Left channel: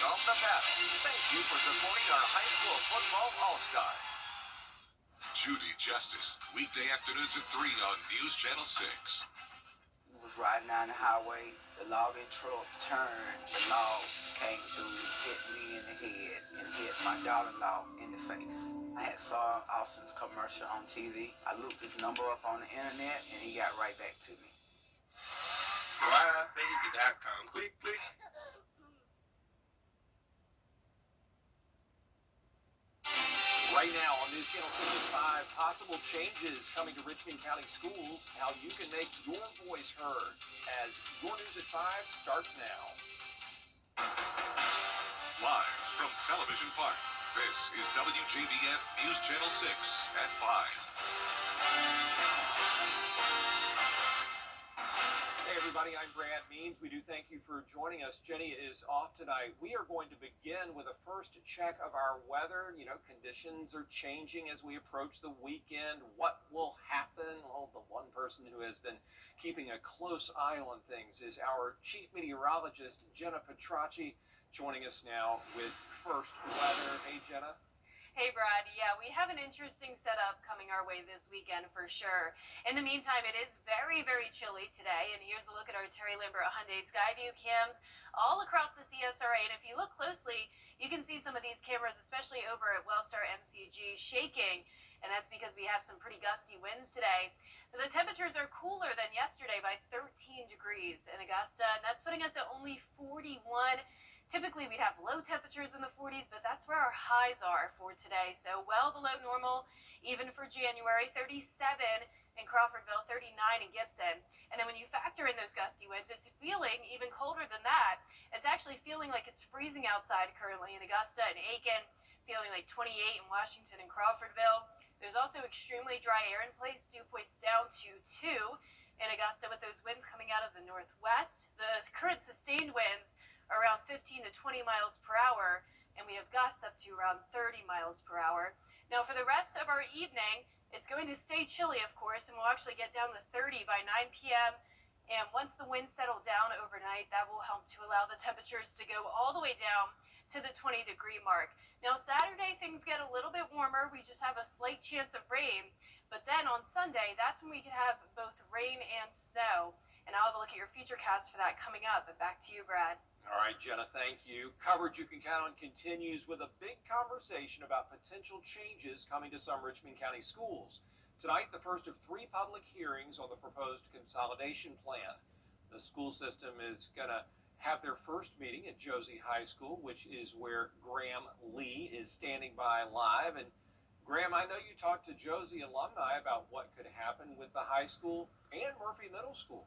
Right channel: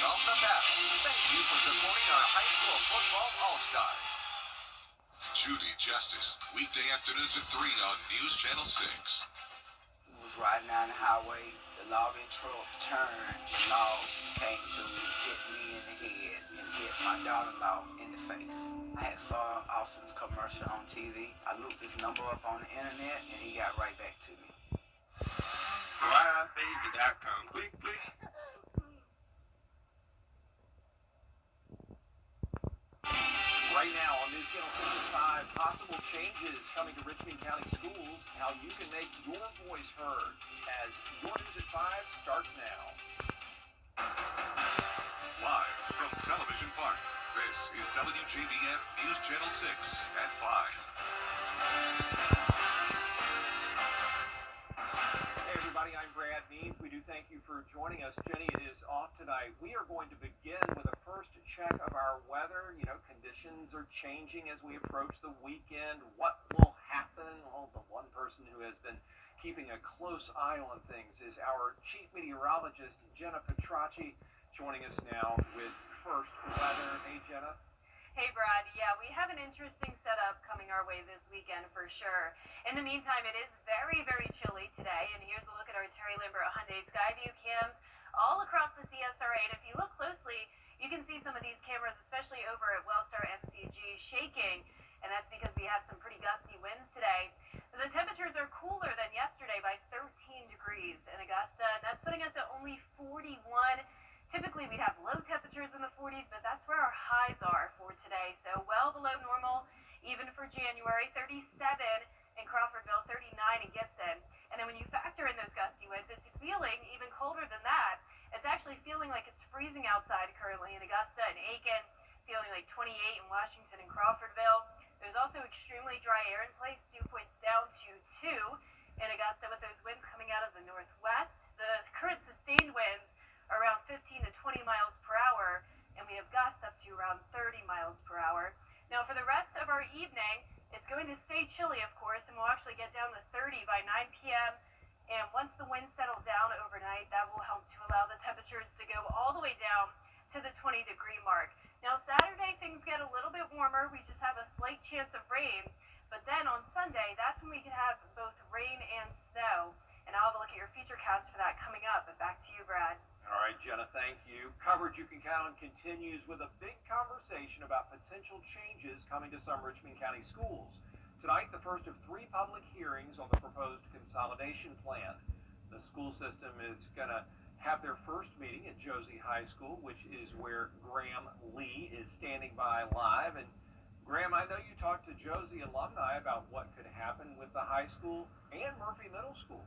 come the battle. Thank you for supporting our high school football all-stars. Judy Justice, weekday afternoons at 3 on News Channel 6. Was riding down the highway, the logging truck turned, the log came through, hit me in the head, and hit my daughter-in-law in the face. I had saw Austin's commercial on TV. I looked his number up on the internet, and he got right back to me. Wrdw.com. Click, click. Right now on News Channel 6 at 5, possible changes coming to Richmond County Schools, how you can make your voice heard as Your News at 5 starts now. Live from Television Park, this is WJBF News Channel 6 at 5. Hey everybody, I'm Brad Means. We do thank you for joining us. Jenny is off tonight. We are going to begin with a first check of our weather. You know, conditions are changing as we approach the weekend. What will happen? Well, the one person who has been keeping a close eye on things is our chief meteorologist, Jenna Petracci, joining us now with first weather. Hey, Jenna. Hey, Brad. Yeah, we have an interesting setup coming our way this weekend for sure. In the meantime, it is very, very chilly today. And here's a look at our Terry Lambert Hyundai Skyview cams all across the CSRA. And if you look closely, you can see some of these cameras, especially over at Wellstar MCG, shaking. And that's because we have some pretty gusty winds today. The temperatures are cooler than yesterday by 13 degrees in Augusta. And that's putting us at only 41. Typically, we'd have low temperatures in the 40s, but that's where our highs are for today. So well below normal, even for January. 37 in Crawfordville, 39 in Gibson. And then when you factor in those gusty winds, it's feeling even colder than that. It's actually feeling like it's freezing outside currently in Augusta and Aiken, feeling like 28 in Washington and Crawfordville. There's also extremely dry air in place, dew points down to 2 in Augusta with those winds coming out of the northwest. The current sustained winds around 15 to 20 miles per hour, and we have gusts up to around 30 miles per hour. Now, for the rest of our evening, it's going to stay chilly, of course, and we'll actually get down to 30 by 9 p.m. And once the winds settle down overnight, that will help to allow the temperatures to go all the way down to the 20-degree mark. Now, Saturday, things get a little bit warmer. We just have a slight chance of rain. But then on Sunday, that's when we could have both rain and snow. And I'll have a look at your futurecast for that coming up. But back to you, Brad. All right, Jenna, thank you. Coverage you can count on continues with a big conversation about potential changes coming to some Richmond County schools. Tonight, the first of 3 public hearings on the proposed consolidation plan. The school system is going to have their first meeting at Josie High School, which is where Graham Lee is standing by live. And Graham, I know you talked to Josie alumni about what could happen with the high school and Murphy Middle School.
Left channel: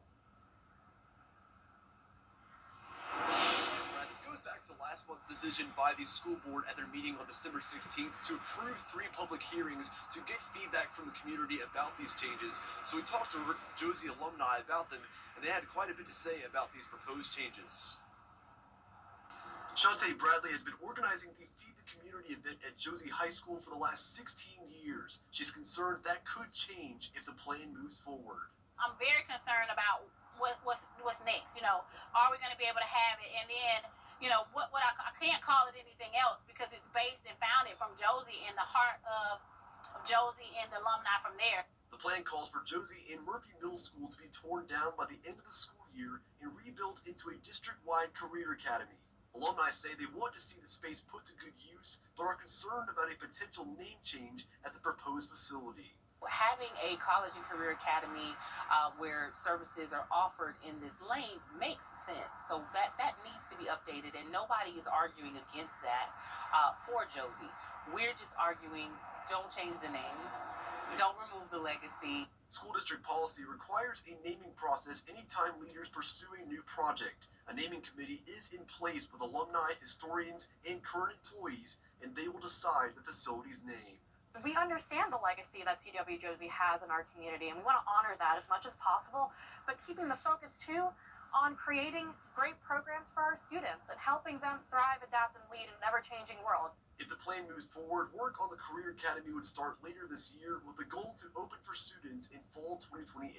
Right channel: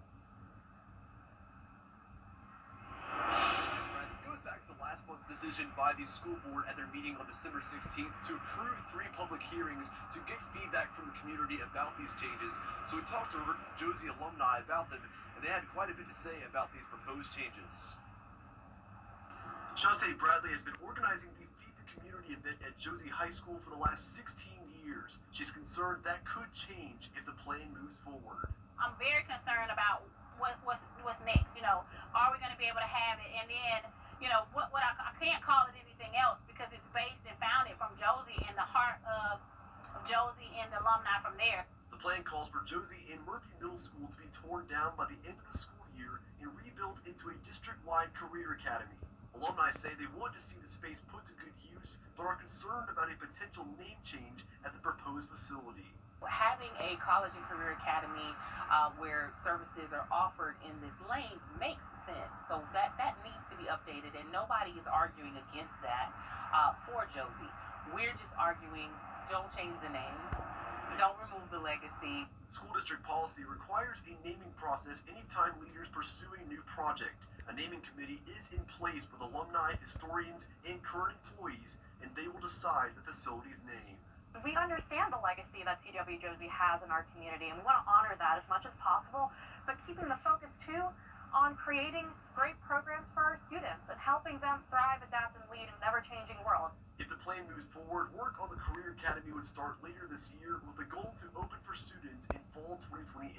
This goes back to last month's decision by the school board at their meeting on December 16th to approve 3 public hearings to get feedback from the community about these changes. So we talked to Josie alumni about them, and they had quite a bit to say about these proposed changes. Shantae Bradley has been organizing the Feed the Community event at Josie High School for the last 16 years. She's concerned that could change if the plan moves forward. I'm very concerned about what's next. You know, are we going to be able to have it? And then, you know, what I can't call it anything else because it's based and founded from Josie in the heart of Josie and the alumni from there. The plan calls for Josie and Murphy Middle School to be torn down by the end of the school year and rebuilt into a district-wide career academy. Alumni say they want to see the space put to good use, but are concerned about a potential name change at the proposed facility. Having a college and career academy where services are offered in this lane makes sense. So that needs to be updated, and nobody is arguing against that for Josie. We're just arguing, don't change the name, don't remove the legacy. School district policy requires a naming process anytime leaders pursue a new project. A naming committee is in place with alumni, historians, and current employees, and they will decide the facility's name. We understand the legacy that TW Josie has in our community, and we want to honor that as much as possible, but keeping the focus too on creating great programs for our students and helping them thrive, adapt, and lead in an ever-changing world. If the plan moves forward, work on the Career Academy would start later this year with the goal to open for students in fall 2028.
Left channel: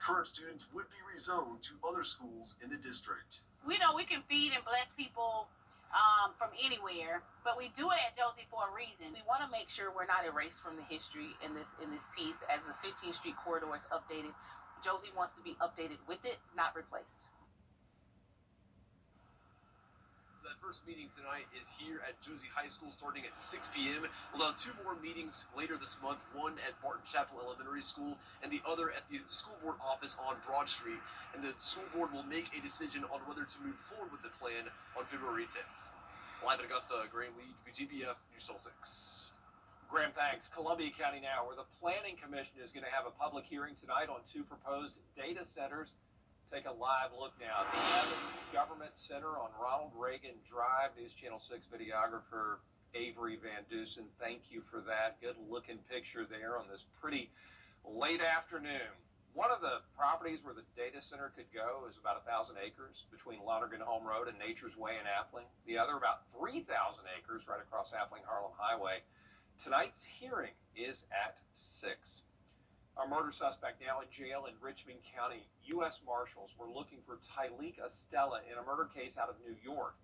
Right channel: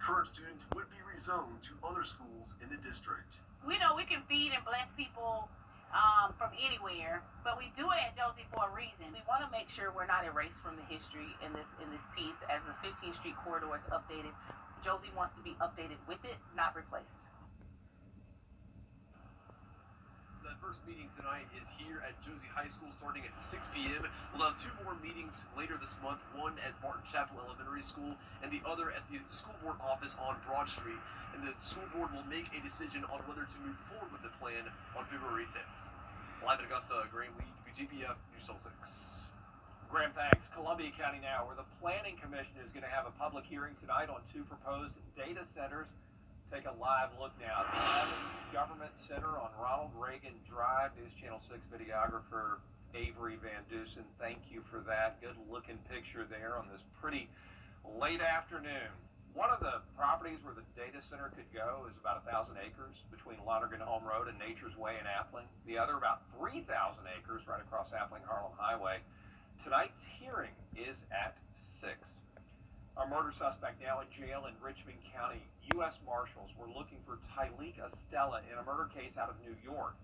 Current students would be rezoned to other schools in the district. We know we can feed and bless people from anywhere, but we do it at Josie for a reason. We want to make sure we're not erased from the history in this piece. As the 15th Street corridor is updated, Josie wants to be updated with it, not replaced. That first meeting tonight is here at Josie High School starting at 6 p.m. We'll have two more meetings later this month, one at Barton Chapel Elementary School and the other at the school board office on Broad Street. And the school board will make a decision on whether to move forward with the plan on February 10th. Live in Augusta, Graham Lee, WGBF News Channel 6. Graham, thanks. Columbia County now, where the Planning Commission is going to have a public hearing tonight on two proposed data centers. Take a live look now at the Evans Government Center on Ronald Reagan Drive. News Channel 6 videographer Avery Van Dusen, thank you for that. Good looking picture there on this pretty late afternoon. One of the properties where the data center could go is about 1,000 acres between Lonergan Home Road and Nature's Way in Appling. The other about 3,000 acres right across Appling Harlem Highway. Tonight's hearing is at 6. A murder suspect now in jail in Richmond County. U.S. Marshals were looking for Tyleek Estella in a murder case out of New York.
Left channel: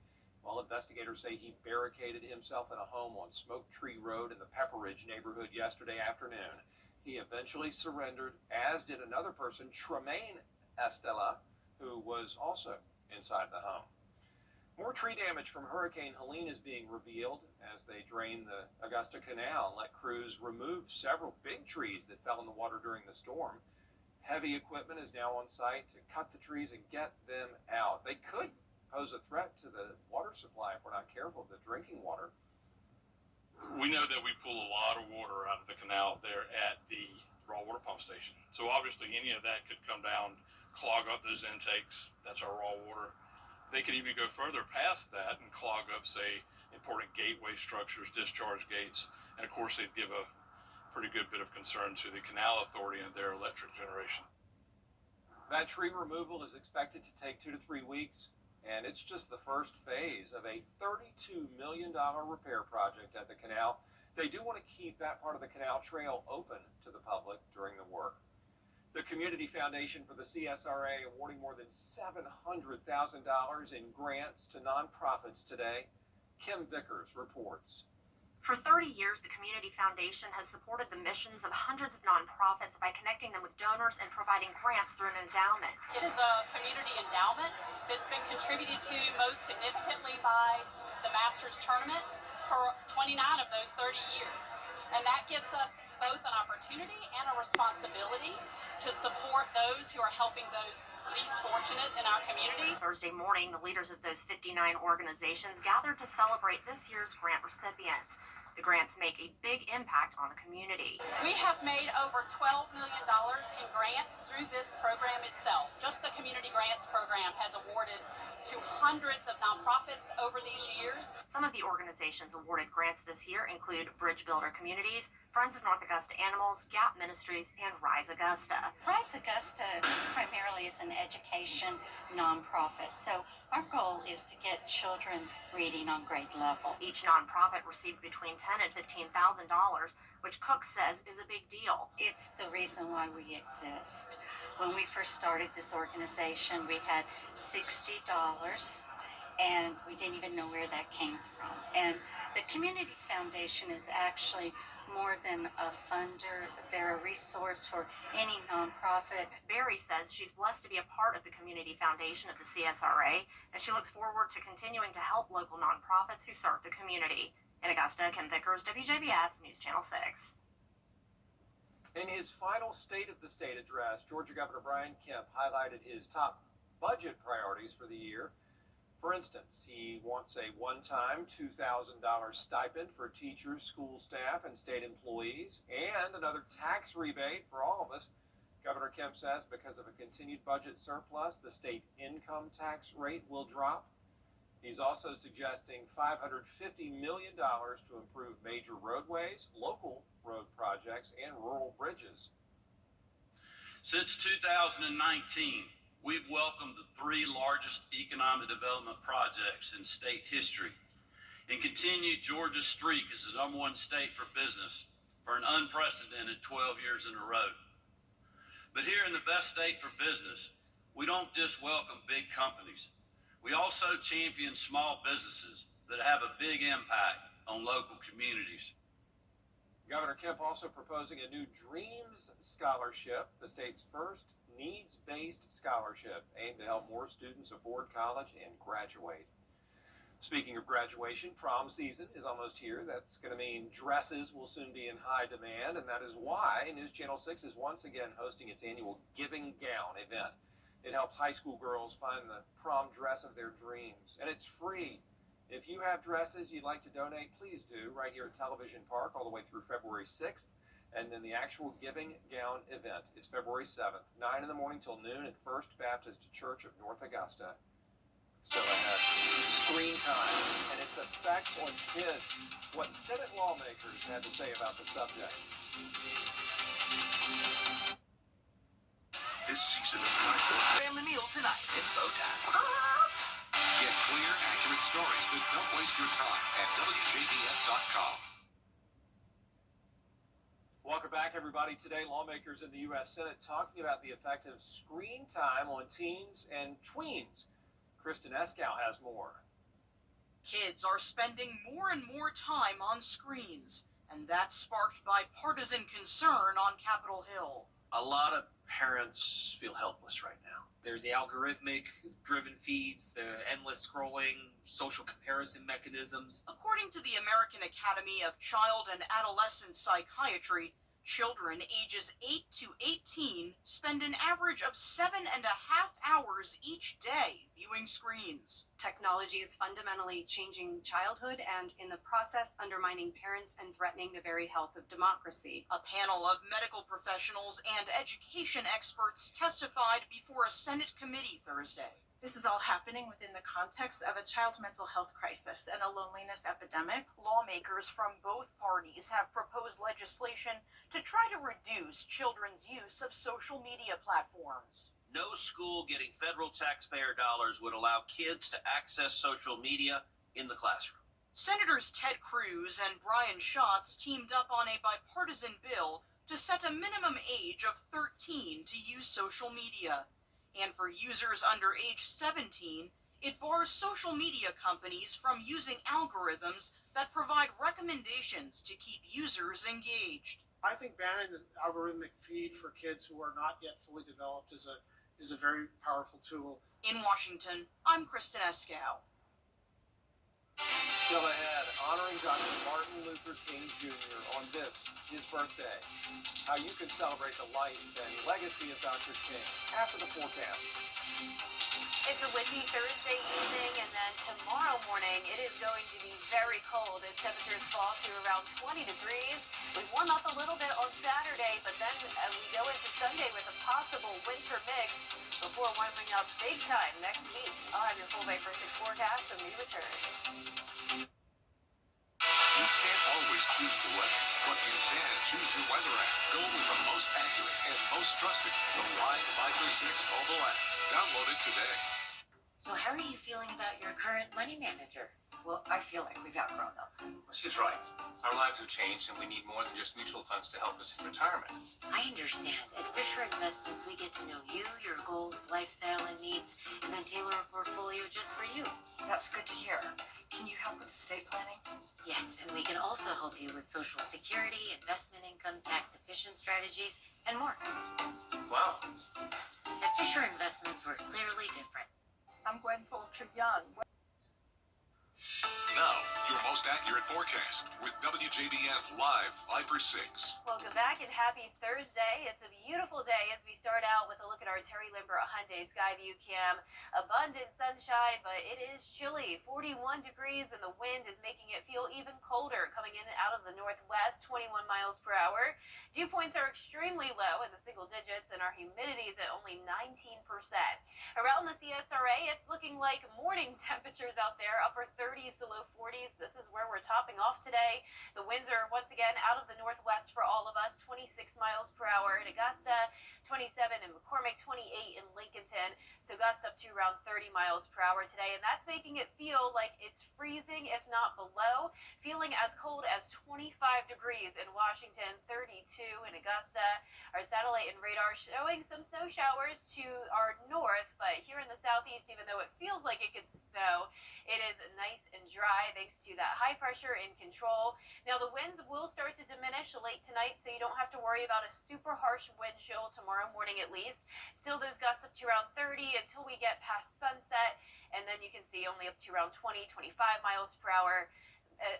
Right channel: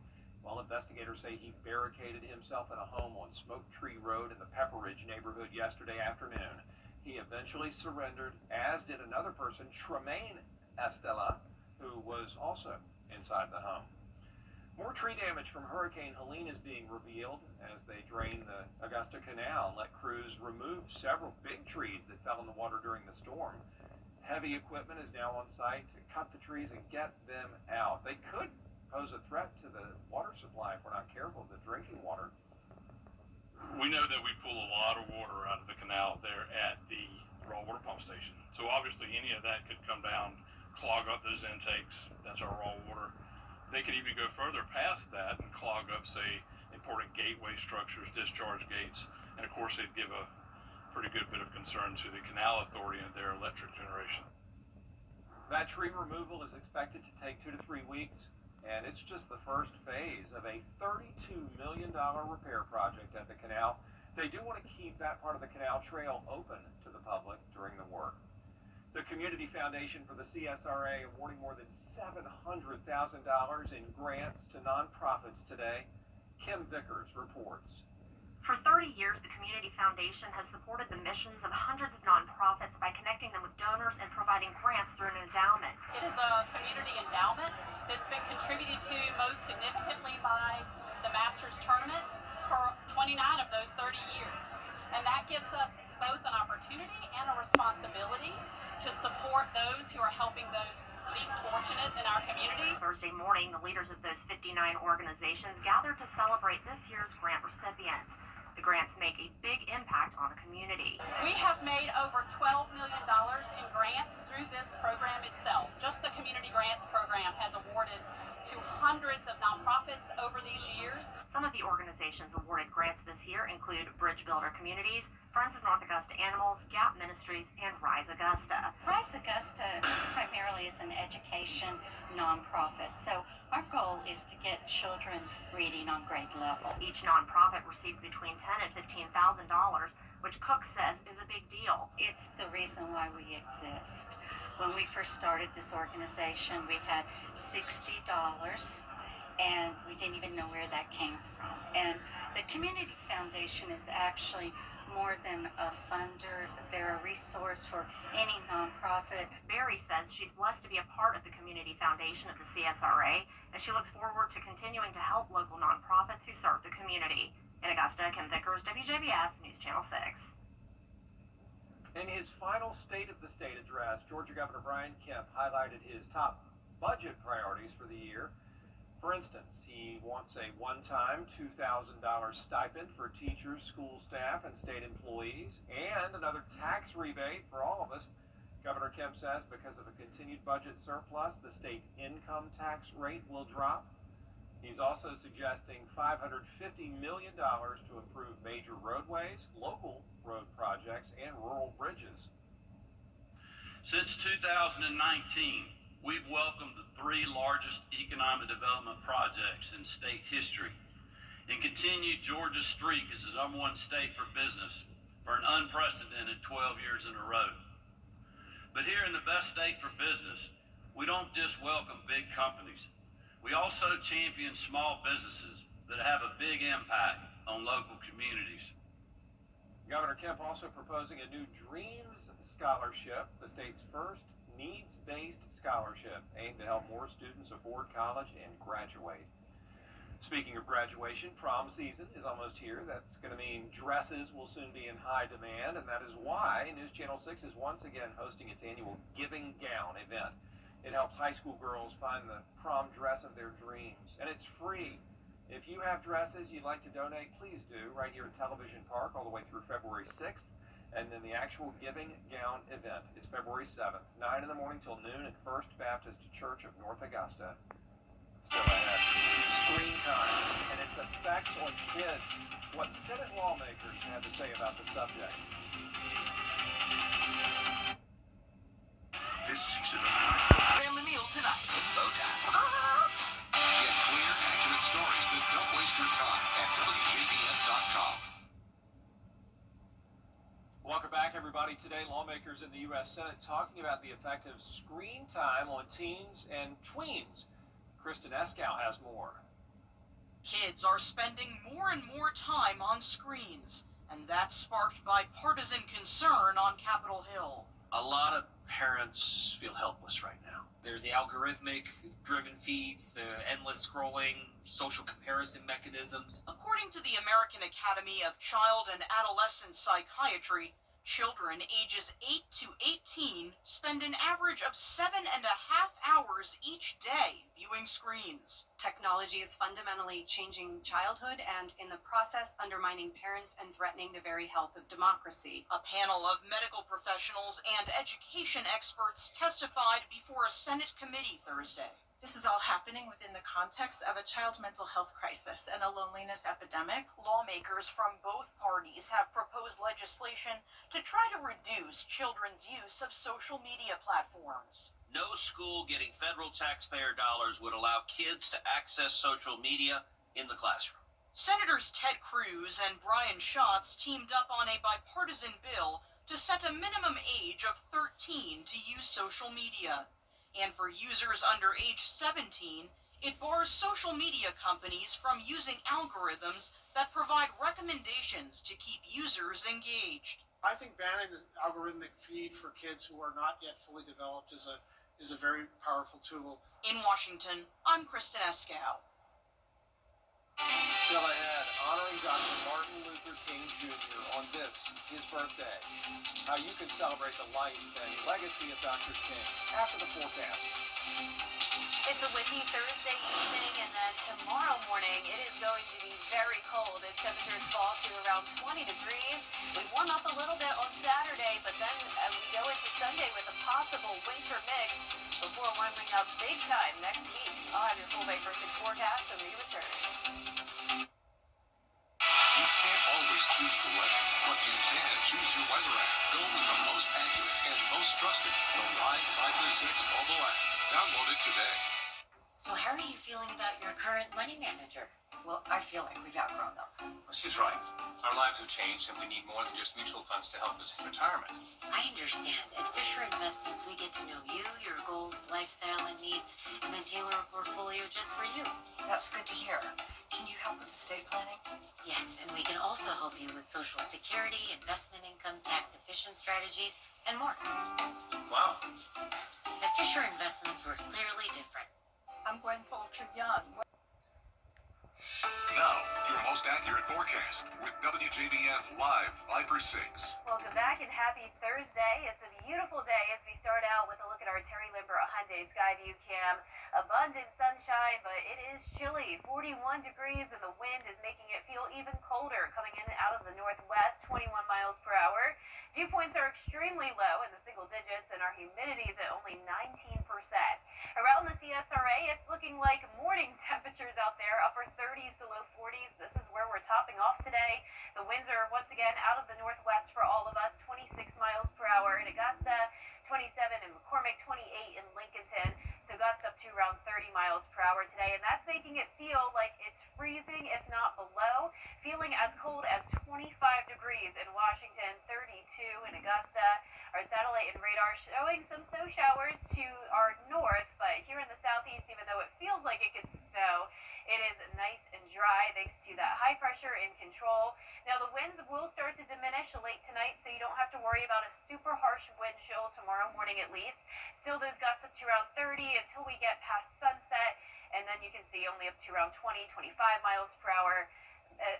While investigators say he barricaded himself in a home on Smoke Tree Road in the Pepperidge neighborhood yesterday afternoon. He eventually surrendered, as did another person, Tremaine Estella, who was also inside the home. More tree damage from Hurricane Helene is being revealed as they drain the Augusta Canal and let crews remove several big trees that fell in the water during the storm. Heavy equipment is now on site to cut the trees and get them out. They could pose a threat to the water supply if we're not careful, the drinking water. We know that we pull a lot of water out of the canal there at the raw water pump station. So obviously any of that could come down, clog up those intakes. That's our raw water. They could even go further past that and clog up, say, important gateway structures, discharge gates. And of course, they'd give a pretty good bit of concern to the Canal Authority and their electric generation. That tree removal is expected to take 2 to 3 weeks. And it's just the first phase of a $32 million repair project at the canal. They do want to keep that part of the canal trail open to the public during the work. The Community Foundation for the CSRA awarding more than $700,000 in grants to nonprofits today. Kim Vickers reports. For 30 years, the Community Foundation has supported the missions of hundreds of nonprofits by connecting them with donors and providing grants through an endowment. It is a community endowment that's been contributed to most significantly by the Masters Tournament for 29 of those 30 years. And that gives us both an opportunity and a responsibility to support those who are helping those least fortunate in our community. Thursday morning, the leaders of those 59 organizations gathered to celebrate this year's grant recipients. The grants make a big impact on the community. We have made over $12 million in grants through this program itself. Just the Community Grants Program has awarded to hundreds of nonprofits over these years. Some of the organizations awarded grants this year include Bridge Builder Communities, Friends of North Augusta Animals, Gap Ministries, and Rise Augusta. Rise Augusta primarily is an education nonprofit, so our goal is to get children reading on grade level. Each nonprofit received between $10,000 and $15,000, which Cook says is a big deal. It's the reason why we exist. When we first started this organization, we had $60, and we didn't even know where that came from. And the Community Foundation is actually more than a funder. They're a resource for any nonprofit. Barry says she's blessed to be a part of the Community Foundation of the CSRA, and she looks forward to continuing to help local nonprofits who serve the community. In Augusta, Kim Vickers, WJBF News Channel 6. In his final State of the State address, Georgia Governor Brian Kemp highlighted his top budget priorities for the year. For instance, he wants a one-time $2,000 stipend for teachers, school staff, and state employees, and another tax rebate for all of us. Governor Kemp says because of a continued budget surplus, the state income tax rate will drop. He's also suggesting $550 million to improve major roadways, local road projects, and rural bridges. Since 2019, we've welcomed the 3 largest economic development projects in state history and continued Georgia's streak as the #1 state for business for an unprecedented 12 years in a row. But here in the best state for business, we don't just welcome big companies. We also champion small businesses that have a big impact on local communities. Governor Kemp also proposing a new Dreams Scholarship, the state's first needs-based scholarship aimed to help more students afford college and graduate. Speaking of graduation, prom season is almost here. That's going to mean dresses will soon be in high demand, and that is why News Channel 6 is once again hosting its annual Giving Gown event. It helps high school girls find the prom dress of their dreams, and it's free. If you have dresses you'd like to donate, please do, right here at Television Park all the way through February 6th. And then the actual Giving Gown event is February 7th, 9 in the morning till noon at First Baptist Church of North Augusta. Still ahead, screen time and its effects on kids. What Senate lawmakers had to say about the subject. This season of Family meal tonight. It's bow time. Get clear, accurate stories that don't waste your time at WJBF.com. Welcome back, everybody. Today, lawmakers in the U.S. Senate talking about the effect of screen time on teens and tweens. Kristen Eskow has more. Kids are spending more and more time on screens, and that's sparked by partisan concern on Capitol Hill. A lot of parents feel helpless right now. There's the algorithmic driven feeds, the endless scrolling, social comparison mechanisms. According to the American Academy of Child and Adolescent Psychiatry, children ages 8 to 18 spend an average of 7.5 hours each day viewing screens. Technology is fundamentally changing childhood and, in the process, undermining parents and threatening the very health of democracy. A panel of medical professionals and education experts testified before a Senate committee Thursday. This is all happening within the context of a child mental health crisis and a loneliness epidemic. Lawmakers from both parties have proposed legislation to try to reduce children's use of social media platforms. No school getting federal taxpayer dollars would allow kids to access social media in the classroom. Senators Ted Cruz and Brian Schatz teamed up on a bipartisan bill to set a minimum age of 13 to use social media. And for users under age 17, it bars social media companies from using algorithms that provide recommendations to keep users engaged. I think banning the algorithmic feed for kids who are not yet fully developed is a very powerful tool. In Washington, I'm Kristen Eskow. Still ahead, honoring Dr. Martin Luther King Jr. on this, his birthday. How you can celebrate the life and legacy of Dr. King after the forecast. It's a windy Thursday evening, and then tomorrow morning it is going to be very cold as temperatures fall to around 20 degrees. We warm up a little bit on Saturday, but then we go into Sunday with a possible winter mix before warming up big time next week. I'll have your full Bay for 6 forecast when we return. You can't always choose the weather, but you can choose your weather app. Go with the most accurate and most trusted, the Live 5 to 6 mobile app. Download it today. So how are you feeling about your current money manager? Well, I feel like we've outgrown them. Well, she's right. Our lives have changed, and we need more than just mutual funds to help us in retirement. I understand. At Fisher Investments, we get to know you, your goals, lifestyle, and needs, and then tailor a portfolio just for you. That's good to hear. Can you help with estate planning? Yes, and we can also help you with Social Security, investment income, tax-efficient strategies, and more. Wow. At Fisher Investments, we're clearly different. I'm Gwen Fulcher-Young. Now, your most accurate forecast with WJBF Live 5 for 6. Welcome back and happy Thursday. It's a beautiful day as we start out with a look at our Terry Limber Hyundai Skyview Cam. Abundant sunshine, but it is chilly. 41 degrees and the wind is making it feel even colder coming in out of the northwest, 21 miles per hour. Dew points are extremely low in the single digits and our humidity is at only 19%. Around the CSRA, it's looking like morning temperatures out there, upper 30s to low 40s. This is where we're topping off today. The winds are once again out of the northwest for all of us, 26 miles per hour in Augusta, 27 in McCormick, 28 in Lincolnton. So gusts up to around 30 miles per hour today, and that's making it feel like it's freezing, if not below. Feeling as cold as 25 degrees in Washington, 32 in Augusta. Our satellite and radar showing some snow showers to our north, but here in the southeast, even though it feels like it could snow, it is nice and dry thanks to that high pressure in control. Now the winds will start to diminish late tonight, so you don't have to worry about a super harsh wind chill tomorrow morning at least. Still those gusts up to around 30 until we get past sunset, and then you can see only up to around 20, 25 miles per hour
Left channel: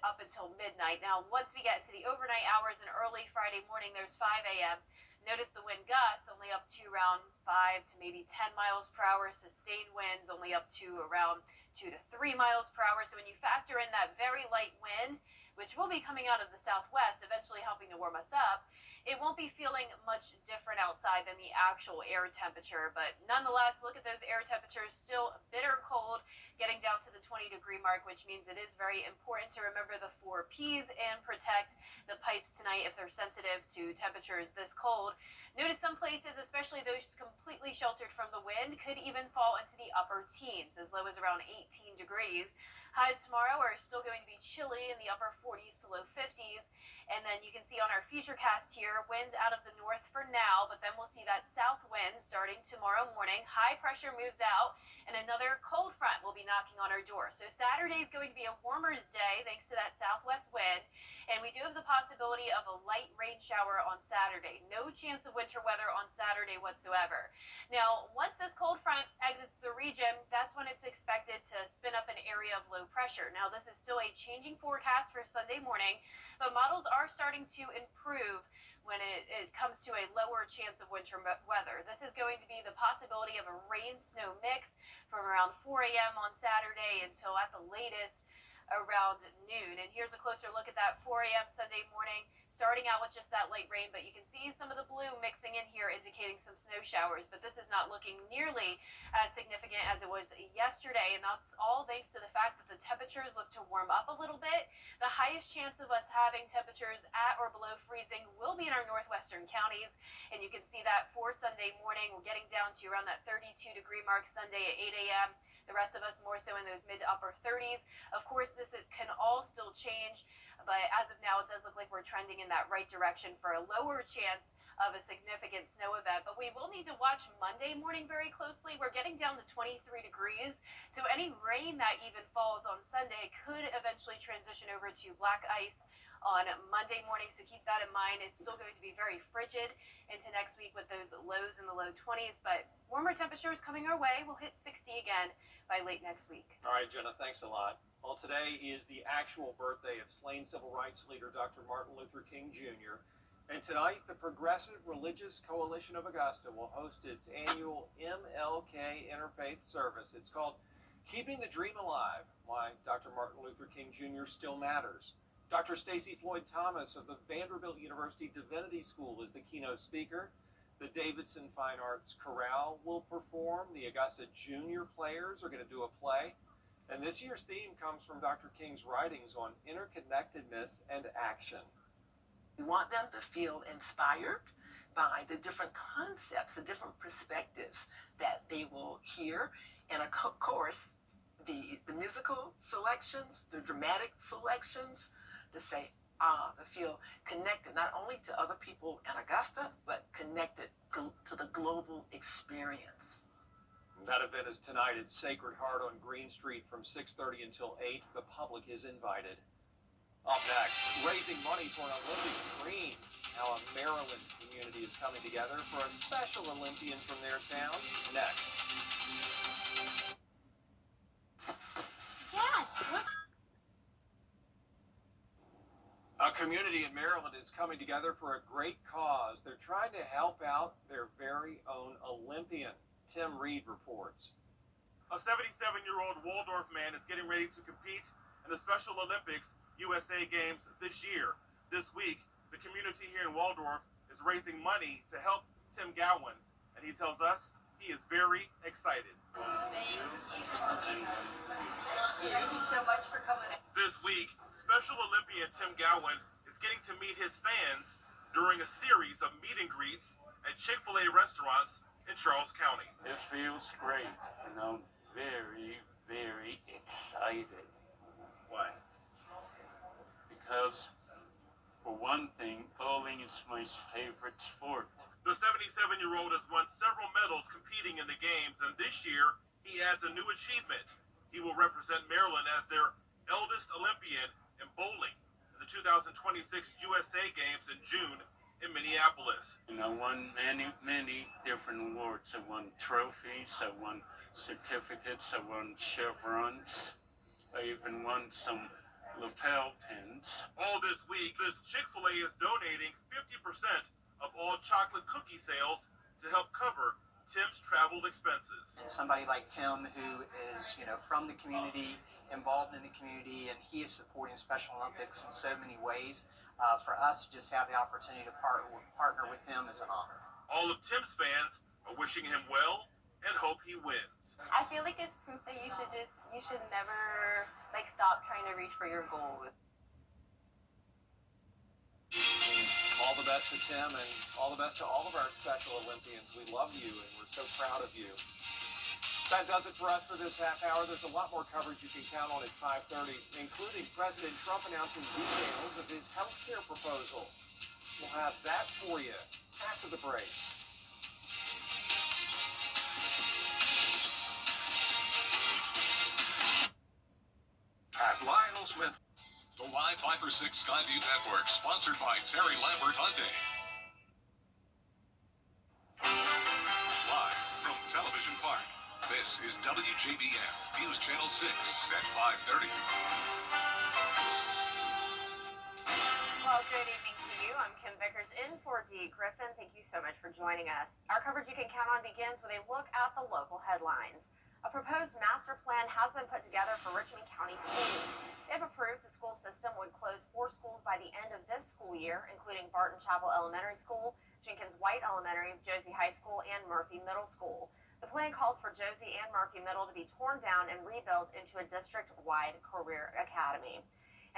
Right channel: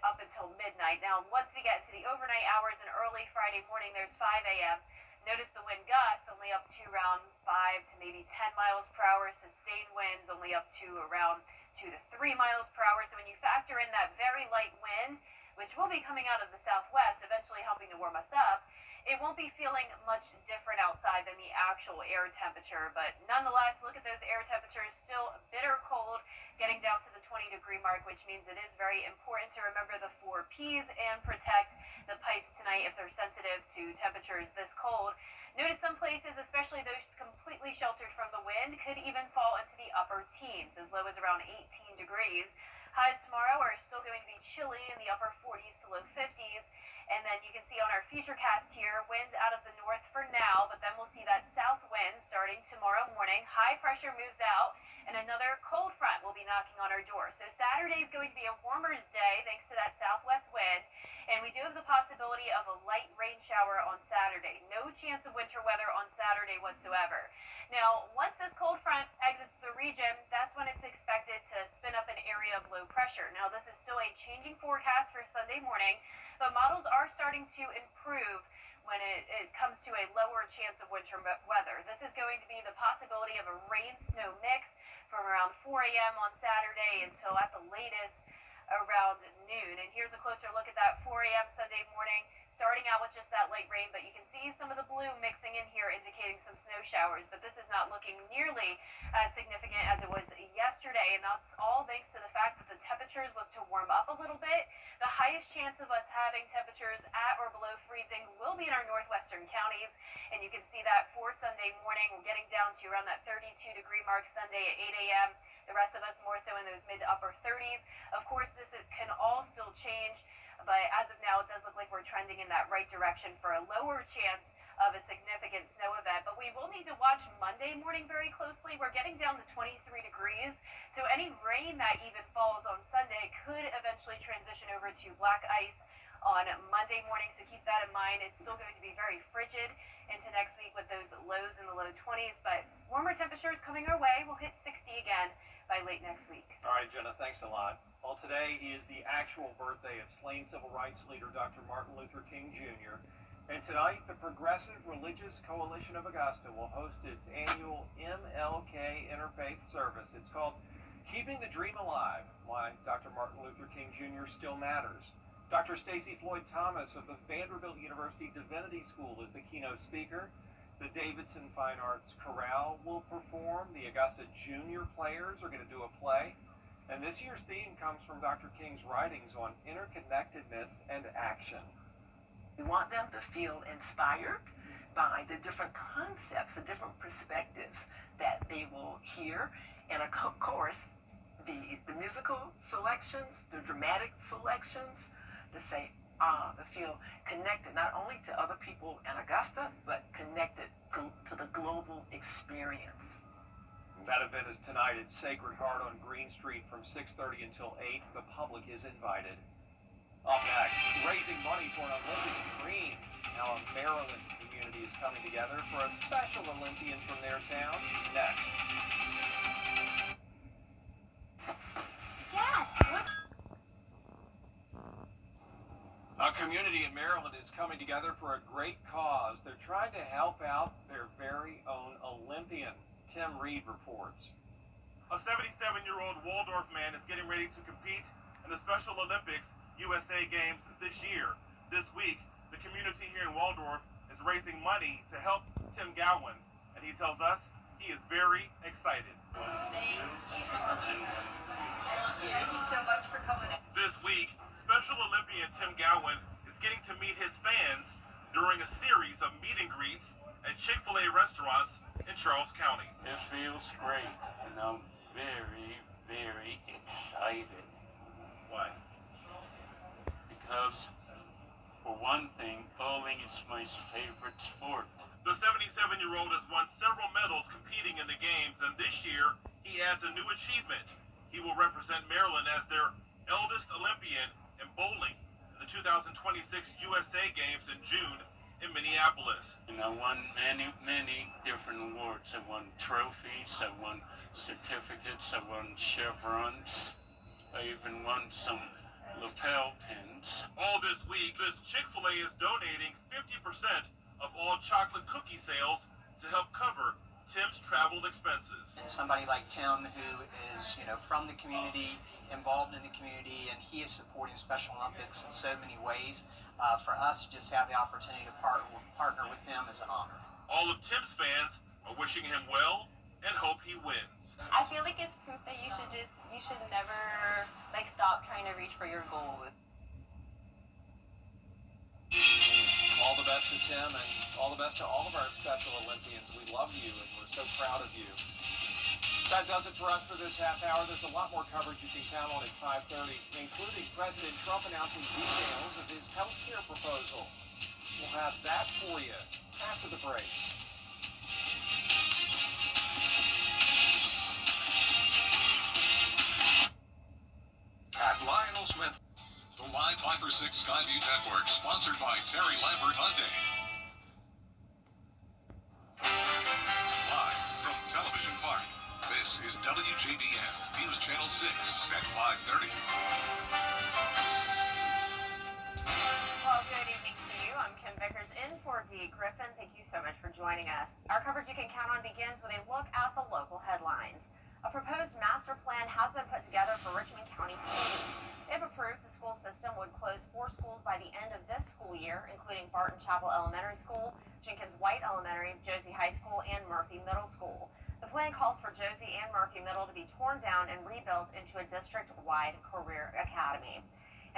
up until midnight. Now once we get into the overnight hours and early Friday morning, there's 5 a.m. Notice the wind gusts only up to around 5 to maybe 10 miles per hour. Sustained winds only up to around 2 to 3 miles per hour. So when you factor in that very light wind, which will be coming out of the southwest, eventually helping to warm us up, it won't be feeling much different outside than the actual air temperature. But nonetheless, look at those air temperatures, still bitter cold, getting down to the 20-degree mark, which means it is very important to remember the 4 Ps and protect the pipes tonight if they're sensitive to temperatures this cold. Notice some places, especially those completely sheltered from the wind, could even fall into the upper teens, as low as around 18 degrees. Highs tomorrow are still going to be chilly in the upper 40s to low 50s. And then you can see on our futurecast here, winds out of the north for now, but then we'll see that south wind starting tomorrow morning. High pressure moves out, and another cold front will be knocking on our door. So Saturday is going to be a warmer day thanks to that southwest wind, and we do have the possibility of a light rain shower on Saturday. No chance of winter weather on Saturday whatsoever. Now, once this cold front exits the region, that's when it's expected to spin up an area of low pressure. Now, this is still a changing forecast for Sunday morning, but models are starting to improve when it comes to a lower chance of winter weather. This is going to be the possibility of a rain-snow mix from around 4 a.m. on Saturday until at the latest around noon. And here's a closer look at that 4 a.m. Sunday morning, starting out with just that light rain, but you can see some of the blue mixing in here indicating some snow showers, but this is not looking nearly as significant as it was yesterday, and that's all thanks to the fact that the temperatures look to warm up a little bit. The highest chance of us having temperatures at or below freezing will be in our northwestern counties, and you can see that for Sunday morning. We're getting down to around that 32-degree mark Sunday at 8 a.m. The rest of us more so in those mid to upper 30s. Of course, this can all still change, but as of now, it does look like we're trending in that right direction for a lower chance of a significant snow event. But we will need to watch Monday morning very closely. We're getting down to 23 degrees, so any rain that even falls on Sunday could eventually transition over to black ice on Monday morning, so keep that in mind. It's still going to be very frigid into next week with those lows in the low 20s, but warmer temperatures coming our way. We'll hit 60 again by late next week. All right, Jenna, thanks a lot. Well, today is the actual birthday of slain civil rights leader Dr. Martin Luther King Jr., and tonight the Progressive Religious Coalition of Augusta will host its annual MLK Interfaith Service. It's called Keeping the Dream Alive, Why Dr. Martin Luther King Jr. Still Matters. Dr. Stacey Floyd Thomas of the Vanderbilt University Divinity School is the keynote speaker. The Davidson Fine Arts Chorale will perform. The Augusta Junior Players are going to do a play. And this year's theme comes from Dr. King's writings on interconnectedness and action. We want them to feel inspired by the different concepts, the different perspectives that they will hear. And of course, the musical selections, the dramatic selections, to say, to feel connected not only to other people in Augusta, but connected to the global experience. That event is tonight at Sacred Heart on Green Street from 6:30 until 8. The public is invited. Up next, raising money for an Olympic dream. How a Maryland community is coming together for a special Olympian from their town. Next. Dad, what? A community in Maryland is coming together for a great cause. They're trying to help out their very own Olympian. Tim Reed reports. A 77-year-old Waldorf man is getting ready to compete in the Special Olympics USA Games this year. This week, the community here in Waldorf is raising money to help Tim Gowan, and he tells us he is very excited. Thank you so much for coming. This week, Special Olympian Tim Gowan is getting to meet his fans during a series of meet and greets at Chick-fil-A restaurants in Charles County. It feels great, and I'm very, very excited. Why? Because, for one thing, bowling is my favorite sport. The 77-year-old has won several medals competing in the games, and this year he adds a new achievement. He will represent Maryland as their eldest Olympian in bowling in the 2026 USA Games in June in Minneapolis. And I won many, many different awards. I won trophies, I won certificates, I won chevrons. I even won some lapel pins. All this week, this Chick-fil-A is donating 50% of all chocolate cookie sales to help cover Tim's travel expenses. And somebody like Tim, who is, from the community, involved in the community, and he is supporting Special Olympics in so many ways. For us to just have the opportunity to partner with him is an honor. All of Tim's fans are wishing him well and hope he wins. I feel like it's proof that you should never stop trying to reach for your goals. All the best to Tim, and all the best to all of our Special Olympians. We love you, and we're so proud of you. That does it for us for this half hour. There's a lot more coverage you can count on at 5:30, including President Trump announcing details of his health care proposal. We'll have that for you after the break. At Lionel Smith. The Live 5 for 6 Skyview Network, sponsored by Terry Lambert Hyundai. Live from Television Park, this is WJBF News Channel 6 at 5:30. Well, good evening to you. I'm Kim Vickers in for Dee Griffin. Thank you so much for joining us. Our coverage you can count on begins with a look at the local headlines. A proposed master plan has been put together for Richmond County schools. If approved, the school system would close 4 schools by the end of this school year, including Barton Chapel Elementary School, Jenkins White Elementary, Josie High School, and Murphy Middle School. The plan calls for Josie and Murphy Middle to be torn down and rebuilt into a district-wide career academy.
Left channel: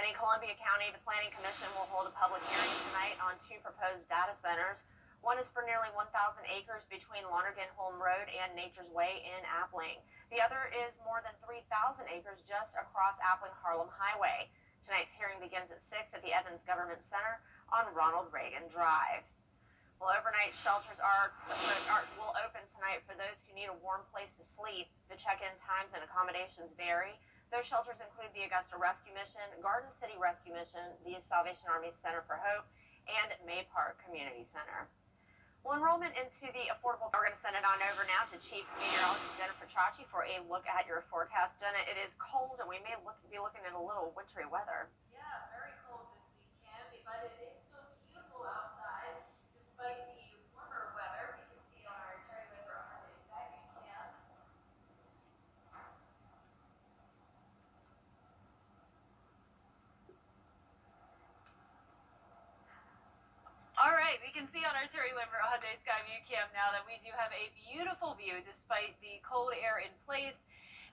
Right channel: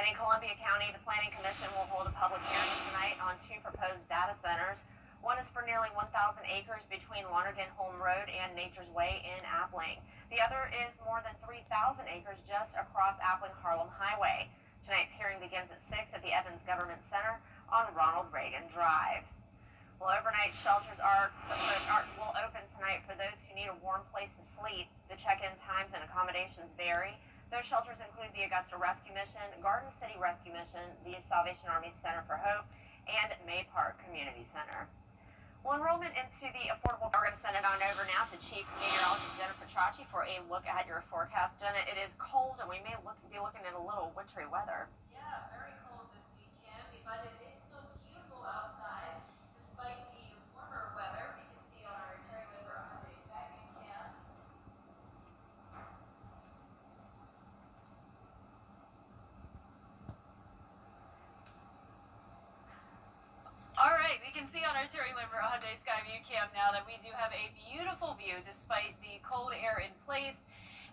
And in Columbia County, the Planning Commission will hold a public hearing tonight on 2 proposed data centers. One is for nearly 1,000 acres between Lonergan Holm Road and Nature's Way in Appling. The other is more than 3,000 acres just across Appling-Harlem Highway. Tonight's hearing begins at 6 at the Evans Government Center on Ronald Reagan Drive. Well, overnight shelters will open tonight for those who need a warm place to sleep. The check-in times and accommodations vary. Those shelters include the Augusta Rescue Mission, Garden City Rescue Mission, the Salvation Army Center for Hope, and May Park Community Center. Well, enrollment into the affordable... We're going to send it on over now to Chief Meteorologist Jennifer Tracci for a look at your forecast. Jenna, it is cold, and we may be looking at a little wintry weather. Yeah, very cold this weekend, but it is still beautiful outside despite the warmer weather. We can see on our Terry Lambert Hyundai Skyview cam. All right, we can see on our Terry Lambert Hyundai Skyview cam now that we do have a beautiful view despite the cold air in place.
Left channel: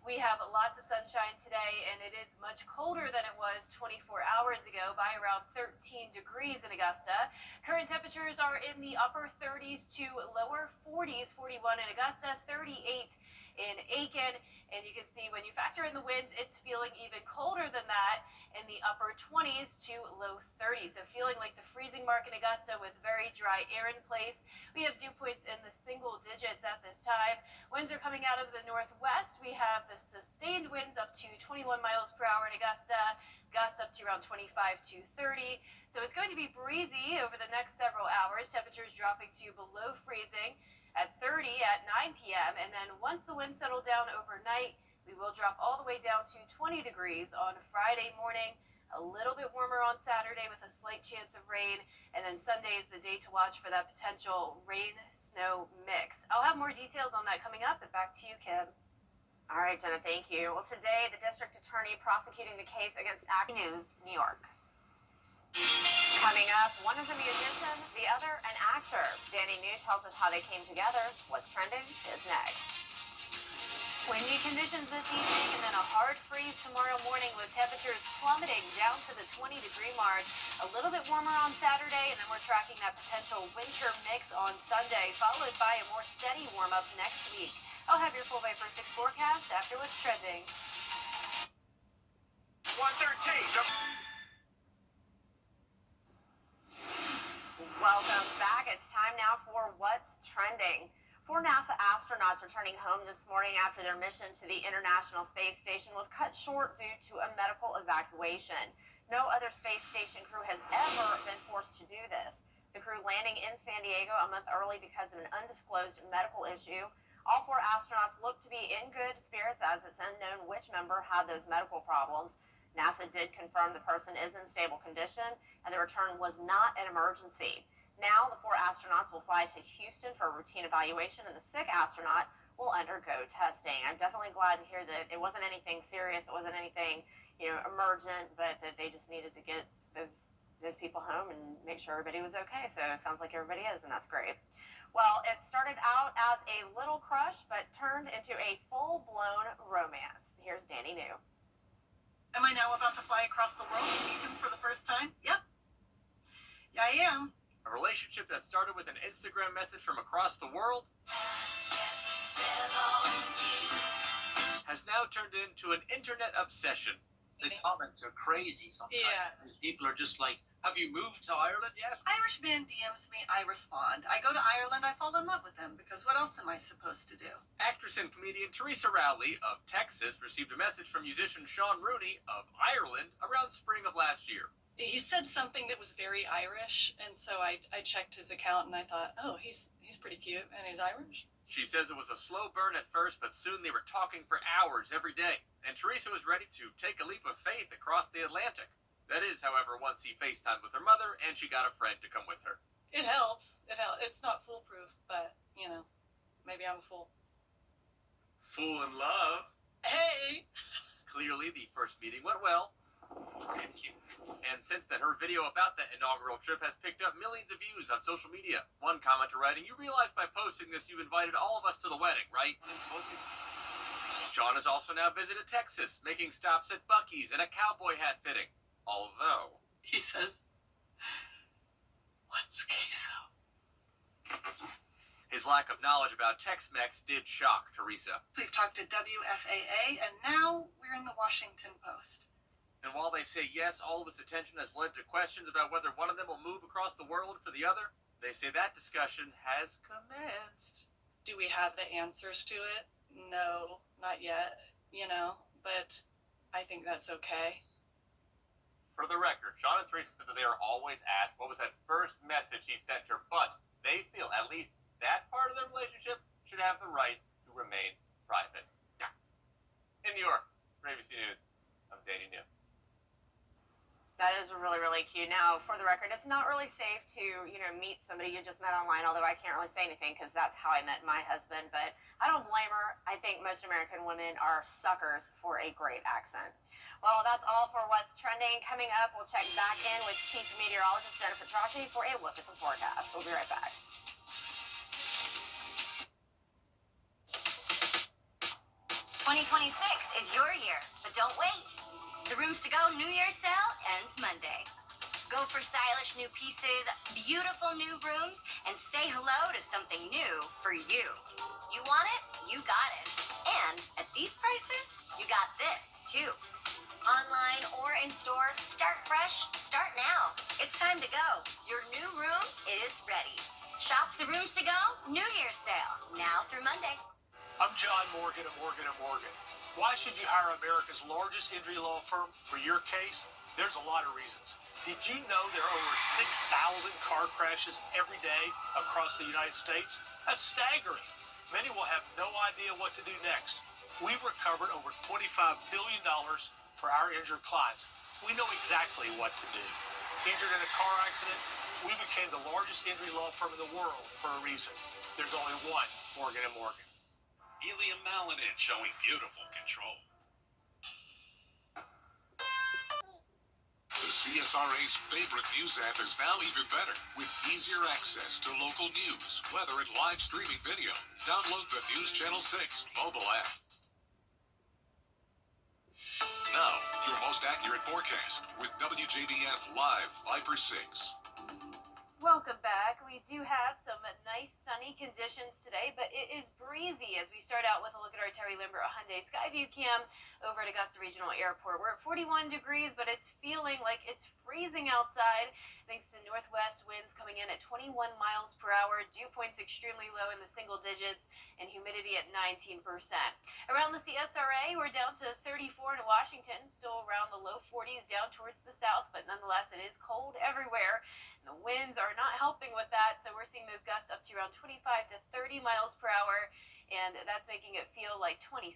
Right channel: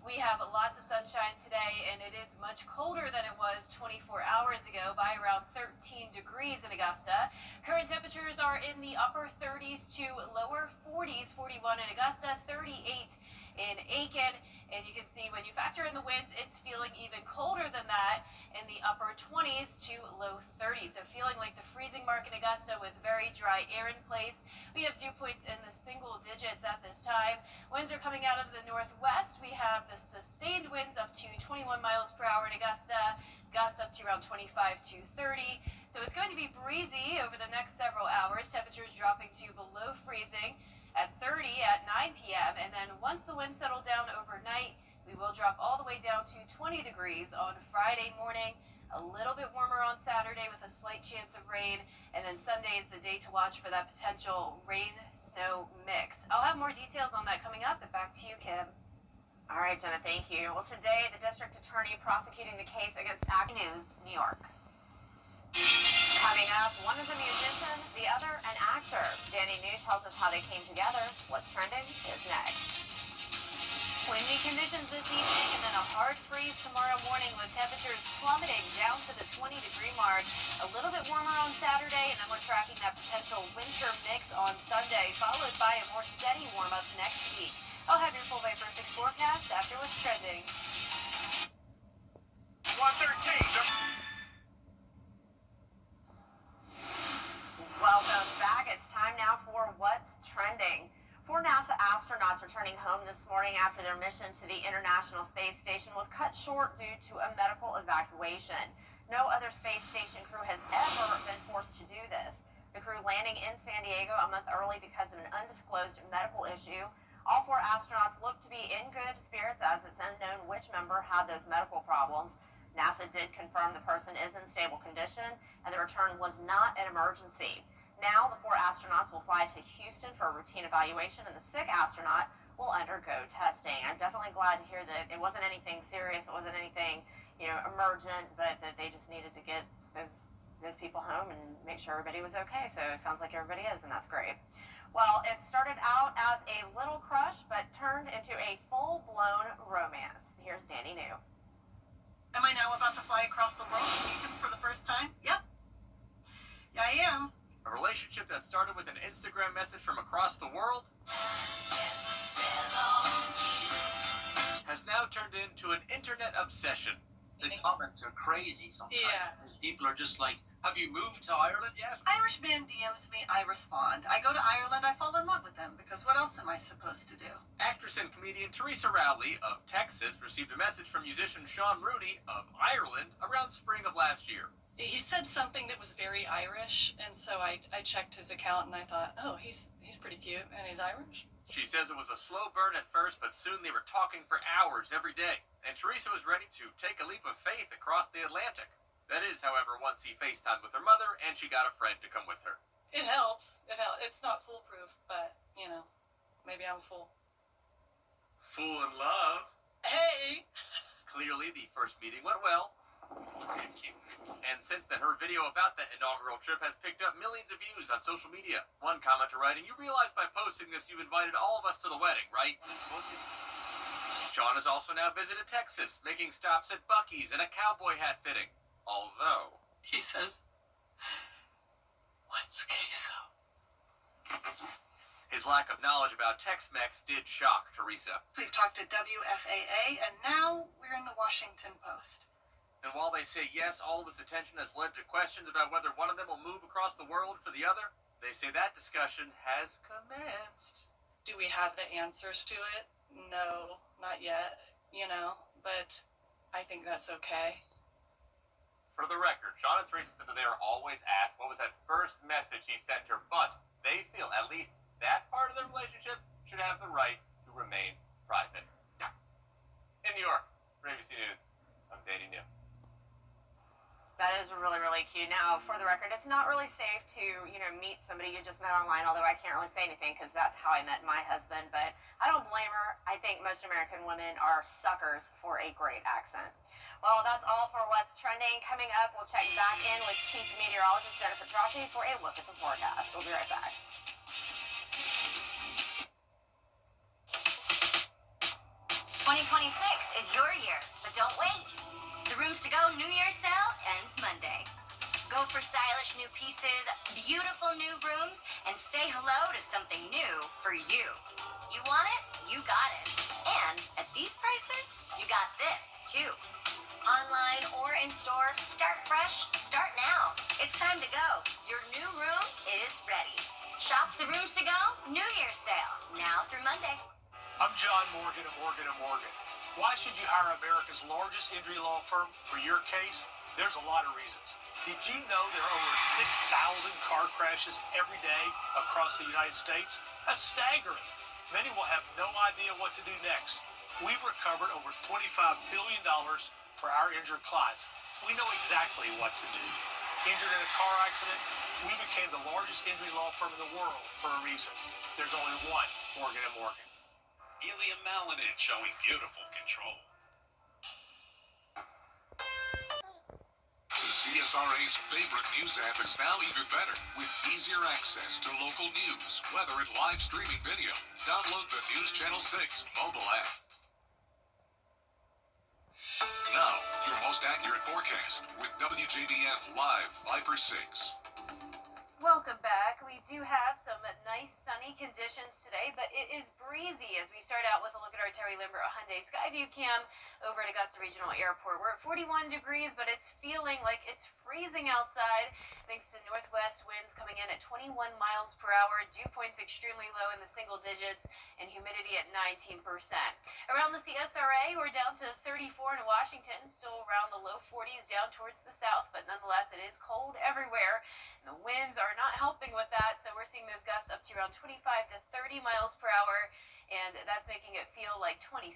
We have lots of sunshine today, and it is much colder than it was 24 hours ago by around 13 degrees in Augusta. Current temperatures are in the upper 30s to lower 40s, 41 in Augusta, 38 in Aiken, and you can see when you factor in the winds, it's feeling even colder than that in the upper 20s to low 30s. So feeling like the freezing mark in Augusta with very dry air in place. We have dew points in the single digits at this time. Winds are coming out of the northwest. We have the sustained winds up to 21 miles per hour in Augusta, gusts up to around 25 to 30. So it's going to be breezy over the next several hours. Temperatures dropping to below freezing at 30 at 9 p.m. And then once the winds settle down overnight, we will drop all the way down to 20 degrees on Friday morning. A little bit warmer on Saturday with a slight chance of rain. And then Sunday is the day to watch for that potential rain-snow mix. I'll have more details on that coming up. And back to you, Kim. All right, Jenna, thank you. Well, today, the district attorney prosecuting the case against News, New York. Coming up, one is a musician, the other an actor. Danny New tells us how they came together. What's trending is next. Windy conditions this evening and then a hard freeze tomorrow morning with temperatures plummeting down to the 20-degree mark. A little bit warmer on Saturday, and then we're tracking that potential winter mix on Sunday, followed by a more steady warm-up next week. I'll have your full Vapor 6 forecast after what's trending. 113. Welcome back. It's time now for What's Trending. 4 NASA astronauts returning home this morning after their mission to the International Space Station was cut short due to a medical evacuation. No other space station crew has ever been forced to do this. The crew landing in San Diego a month early because of an undisclosed medical issue. All 4 astronauts look to be in good spirits as it's unknown which member had those medical problems. NASA did confirm the person is in stable condition and the return was not an emergency. Now, the 4 astronauts will fly to Houston for a routine evaluation, and the sick astronaut will undergo testing. I'm definitely glad to hear that it wasn't anything serious, it wasn't anything, emergent, but that they just needed to get those people home and make sure everybody was okay. So it sounds like everybody is, and that's great. Well, it started out as a little crush, but turned into a full-blown romance. Here's Danny New. Am I now about to fly across the world to meet him for the first time? Yep. Yeah, I am. A relationship that started with an Instagram message from across the world has now turned into an internet obsession. The comments are crazy sometimes. Yeah. People are just like, have you moved to Ireland yet? Irish man DMs me, I respond. I go to Ireland, I fall in love with them, because what else am I supposed to do? Actress and comedian Teresa Rowley of Texas received a message from musician Sean Rooney of Ireland around spring of last year. He said something that was very Irish, and so I checked his account and I thought, oh, he's pretty cute and he's Irish. She says it was a slow burn at first, but soon they were talking for hours every day, and Teresa was ready to take a leap of faith across the Atlantic. That is, however, once he FaceTimed with her mother and she got a friend to come with her. It helps. It's not foolproof, but, maybe I'm a fool. Fool in love. Hey! Clearly, the first meeting went well. Thank you. And since then, her video about that inaugural trip has picked up millions of views on social media. One commenter writing, "You realize by posting this you invited all of us to the wedding, right?" Sean has also now visited Texas, making stops at Buc-ee's and a cowboy hat fitting. Although, He says, what's queso? his lack of knowledge about Tex-Mex did shock Teresa. We've talked to WFAA, and now we're in the Washington Post. And while they say yes, all of this attention has led to questions about whether one of them will move across the world for the other, they say that discussion has commenced. Do we have the answers to it? No, not yet, but I think that's okay. For the record, Sean and Teresa said that they are always asked what was that first message he sent her, but they feel at least that part of their relationship should have the right to remain private. In New York, for ABC News, I'm Danny New. That is really, really cute. Now, for the record, it's not really safe to, meet somebody you just met online, although I can't really say anything because that's how I met my husband, but I don't blame her. I think most American women are suckers for a great accent. Well, that's all for What's Trending. Coming up, we'll check back in with Chief Meteorologist Jennifer Trachy for a look at the forecast. We'll be right back. '26 is your year, but don't wait. The Rooms to Go New Year's sale ends Monday. Go for stylish new pieces, beautiful new rooms, and say hello to something new for you. You want it? You got it. And at these prices, you got this, too. Online or in store, start fresh, start now. It's time to go. Your new room is ready. Shop the Rooms to Go New Year's sale, now through Monday. I'm John Morgan of Morgan & Morgan. Why should you hire America's largest injury law firm for your case? There's a lot of reasons. Did you know there are over 6,000 car crashes every day across the United States? That's staggering. Many will have no idea what to do next. We've recovered over $25 billion for our injured clients. We know exactly what to do. Injured in a car accident, we became the largest injury law firm in the world for a reason. There's only one Morgan & Morgan. Helium Malanin showing beautiful control. The CSRA's favorite news app is now even better with easier access to local news, weather, and live streaming video. Download the News Channel 6 mobile app. most accurate forecast with WJBF Live 5 for 6. Welcome back. We do have some nice sunny conditions today, but it is breezy as we start out with a look at our Terry Limber Hyundai Skyview cam over at Augusta Regional Airport. We're at 41 degrees, but it's feeling like it's freezing outside thanks to northwest winds coming in at 21 miles per hour, dew points extremely low in the single digits, and humidity at 19%. Around the CSRA, we're down to 34 in Washington, still around the low 40s down towards the south, but nonetheless it is cold everywhere. The winds are not helping with that, so we're seeing those gusts up to around 25 to 30 miles per hour, and that's making it feel like 27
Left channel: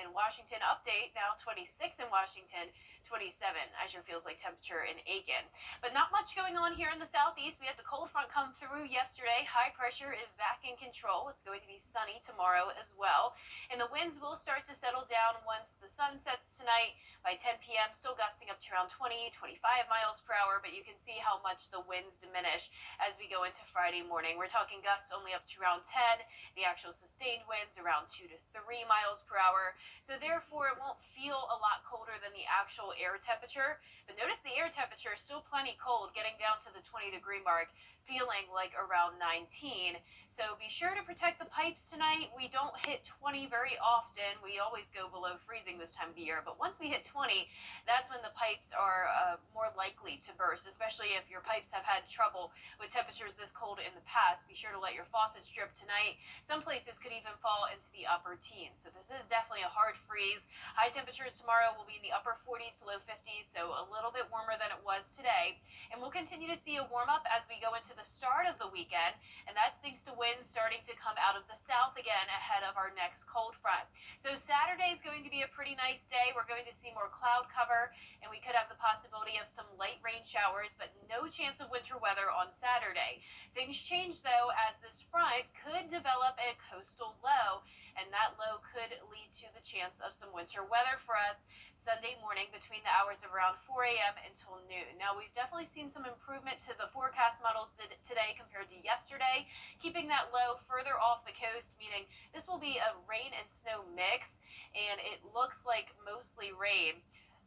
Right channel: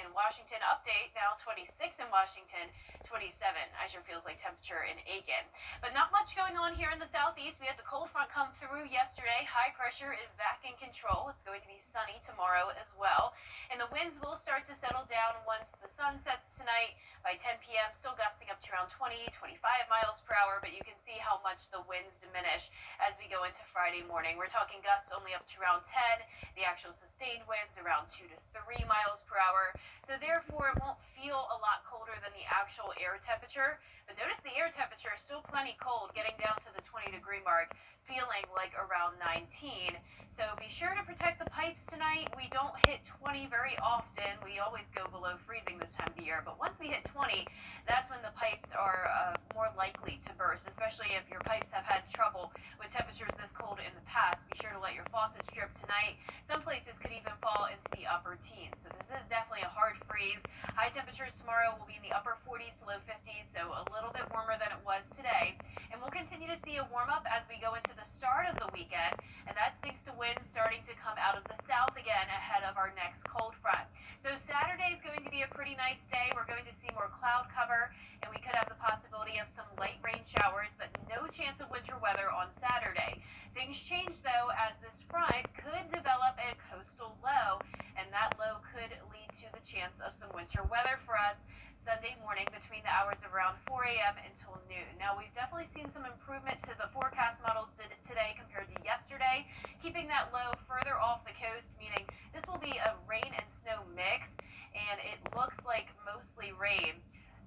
in Washington. Update, now 26 in Washington, 27 as your feels like temperature in Aiken. But not much going on here in the southeast. We had the cold front come through yesterday. High pressure is back in control. It's going to be sunny tomorrow as well, and the winds will start to settle down once the sun sets tonight. By 10 p.m., still gusting up to around 20, 25 miles per hour, but you can see how much the winds diminish as we go into Friday morning. We're talking gusts only up to around 10, the actual sustained winds around 2 to 3 miles per hour. So therefore, it won't feel a lot colder than the actual air temperature. But notice the air temperature is still plenty cold, getting down to the 20-degree mark, feeling like around 19. So be sure to protect the pipes tonight. We don't hit 20 very often. We always go below freezing this time of the year. But once we hit 20, that's when the pipes are more likely to burst, especially if your pipes have had trouble with temperatures this cold in the past. Be sure to let your faucets drip tonight. Some places could even fall into the upper teens. So this is definitely a hard freeze. High temperatures tomorrow will be in the upper 40s to low 50s, so a little bit warmer than it was today. And we'll continue to see a warm up as we go into the start of the weekend, and that's thanks to winds starting to come out of the south again ahead of our next cold front. So Saturday is going to be a pretty nice day. We're going to see more cloud cover, and we could have the possibility of some light rain showers, but no chance of winter weather on Saturday. Things change though, as this front could develop a coastal low, and that low could lead to the chance of some winter weather for us Sunday morning between the hours of around 4 a.m. until noon. Now, we've definitely seen some improvement to the forecast models today compared to yesterday, keeping that low further off the coast, meaning this will be a rain and snow mix, and it looks like mostly rain.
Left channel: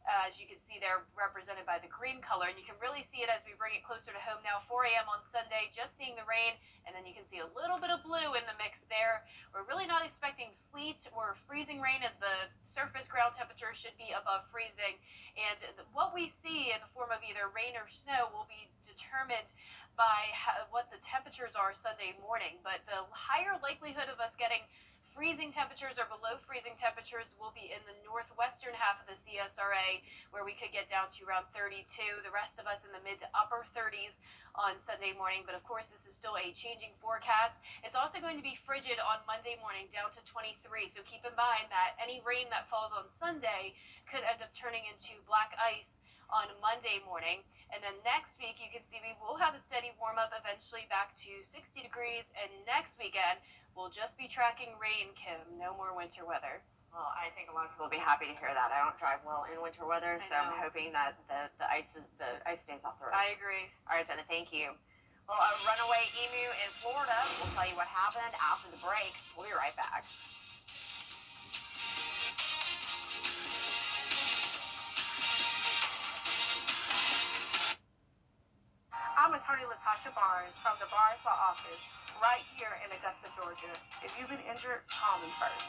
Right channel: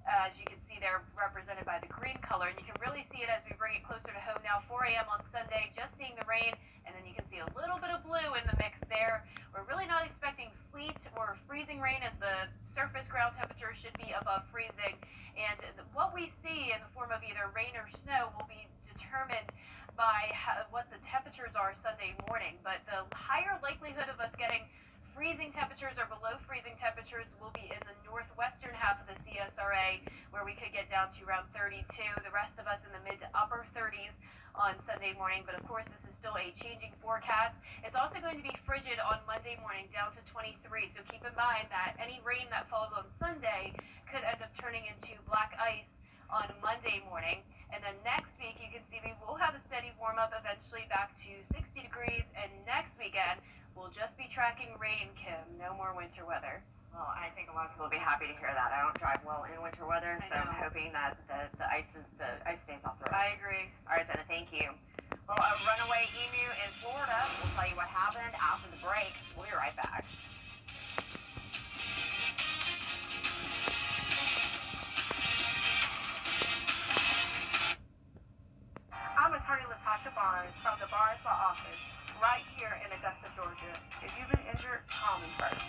As you can see there, represented by the green color, and you can really see it as we bring it closer to home now. 4 a.m. on Sunday, just seeing the rain, and then you can see a little bit of blue in the mix there. We're really not expecting sleet or freezing rain, as the surface ground temperature should be above freezing, and what we see in the form of either rain or snow will be determined by what the temperatures are Sunday morning. But the higher likelihood of us getting freezing temperatures or below freezing temperatures will be in the northwestern half of the CSRA, where we could get down to around 32. The rest of us in the mid to upper 30s on Sunday morning. But of course, this is still a changing forecast. It's also going to be frigid on Monday morning, down to 23. So keep in mind that any rain that falls on Sunday could end up turning into black ice on Monday morning. And then next week, you can see we will have a steady warm up, eventually back to 60 degrees. And next weekend, we'll just be tracking rain, Kim. No more winter weather. Well, I think a lot of people will be happy to hear that. I don't drive well in winter weather, so I'm hoping that the ice stays off the roads. I agree. All right, Jenna, thank you. Well, a runaway emu in Florida. We'll tell you what happened after the break. We'll be right back. I'm attorney Latasha Barnes from the Barnes Law Office right here in Augusta, Georgia. If you've been injured, call me first.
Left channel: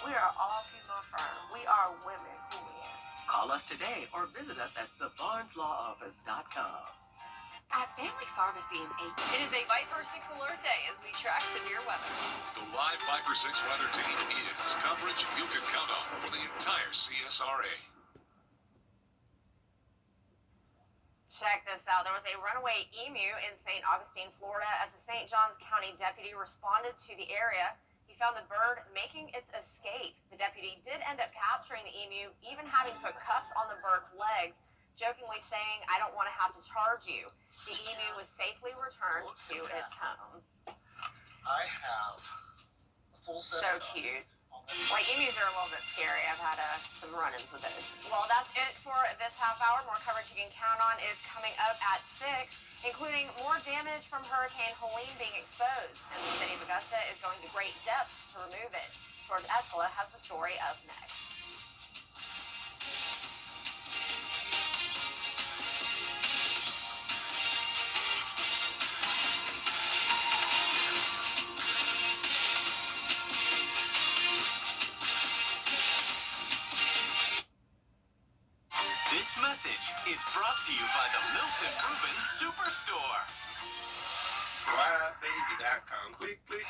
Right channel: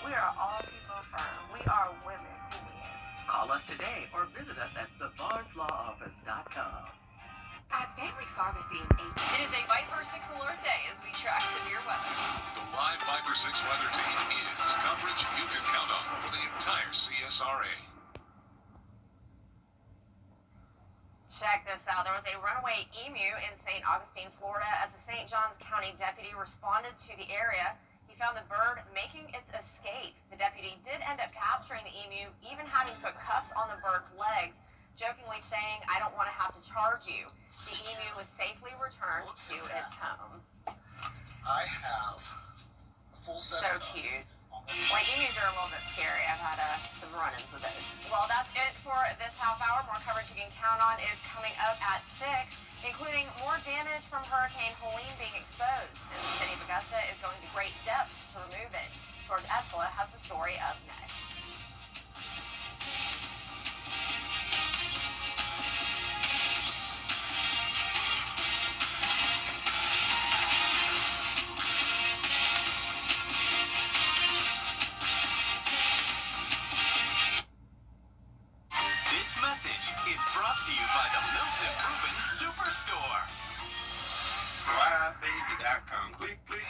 We are all female firm. We are women who win. Call us today or visit us at thebarneslawoffice.com. At Family Pharmacy in Aiken. It is a Viper 6 alert day as we track severe weather. The live Viper 6 weather team is coverage you can count on for the entire CSRA. Check this out. There was a runaway emu in St. Augustine, Florida. As a St. Johns County deputy responded to the area, he found the bird making its escape. The deputy did end up capturing the emu, even having put cuffs on the bird's legs, jokingly saying, "I don't want to have to charge you." The emu was safely returned to its home. I have a full set of cuffs. So cute. Well, emus are a little bit scary. I've had some run-ins with those. Well, that's it for this half hour. More coverage you can count on is coming up at 6, including more damage from Hurricane Helene being exposed. And the city of Augusta is going to great depths to remove it. George Escala has the story up next. message is brought to you by the Milton Rubin Superstore. RideBaby.com. Click, click.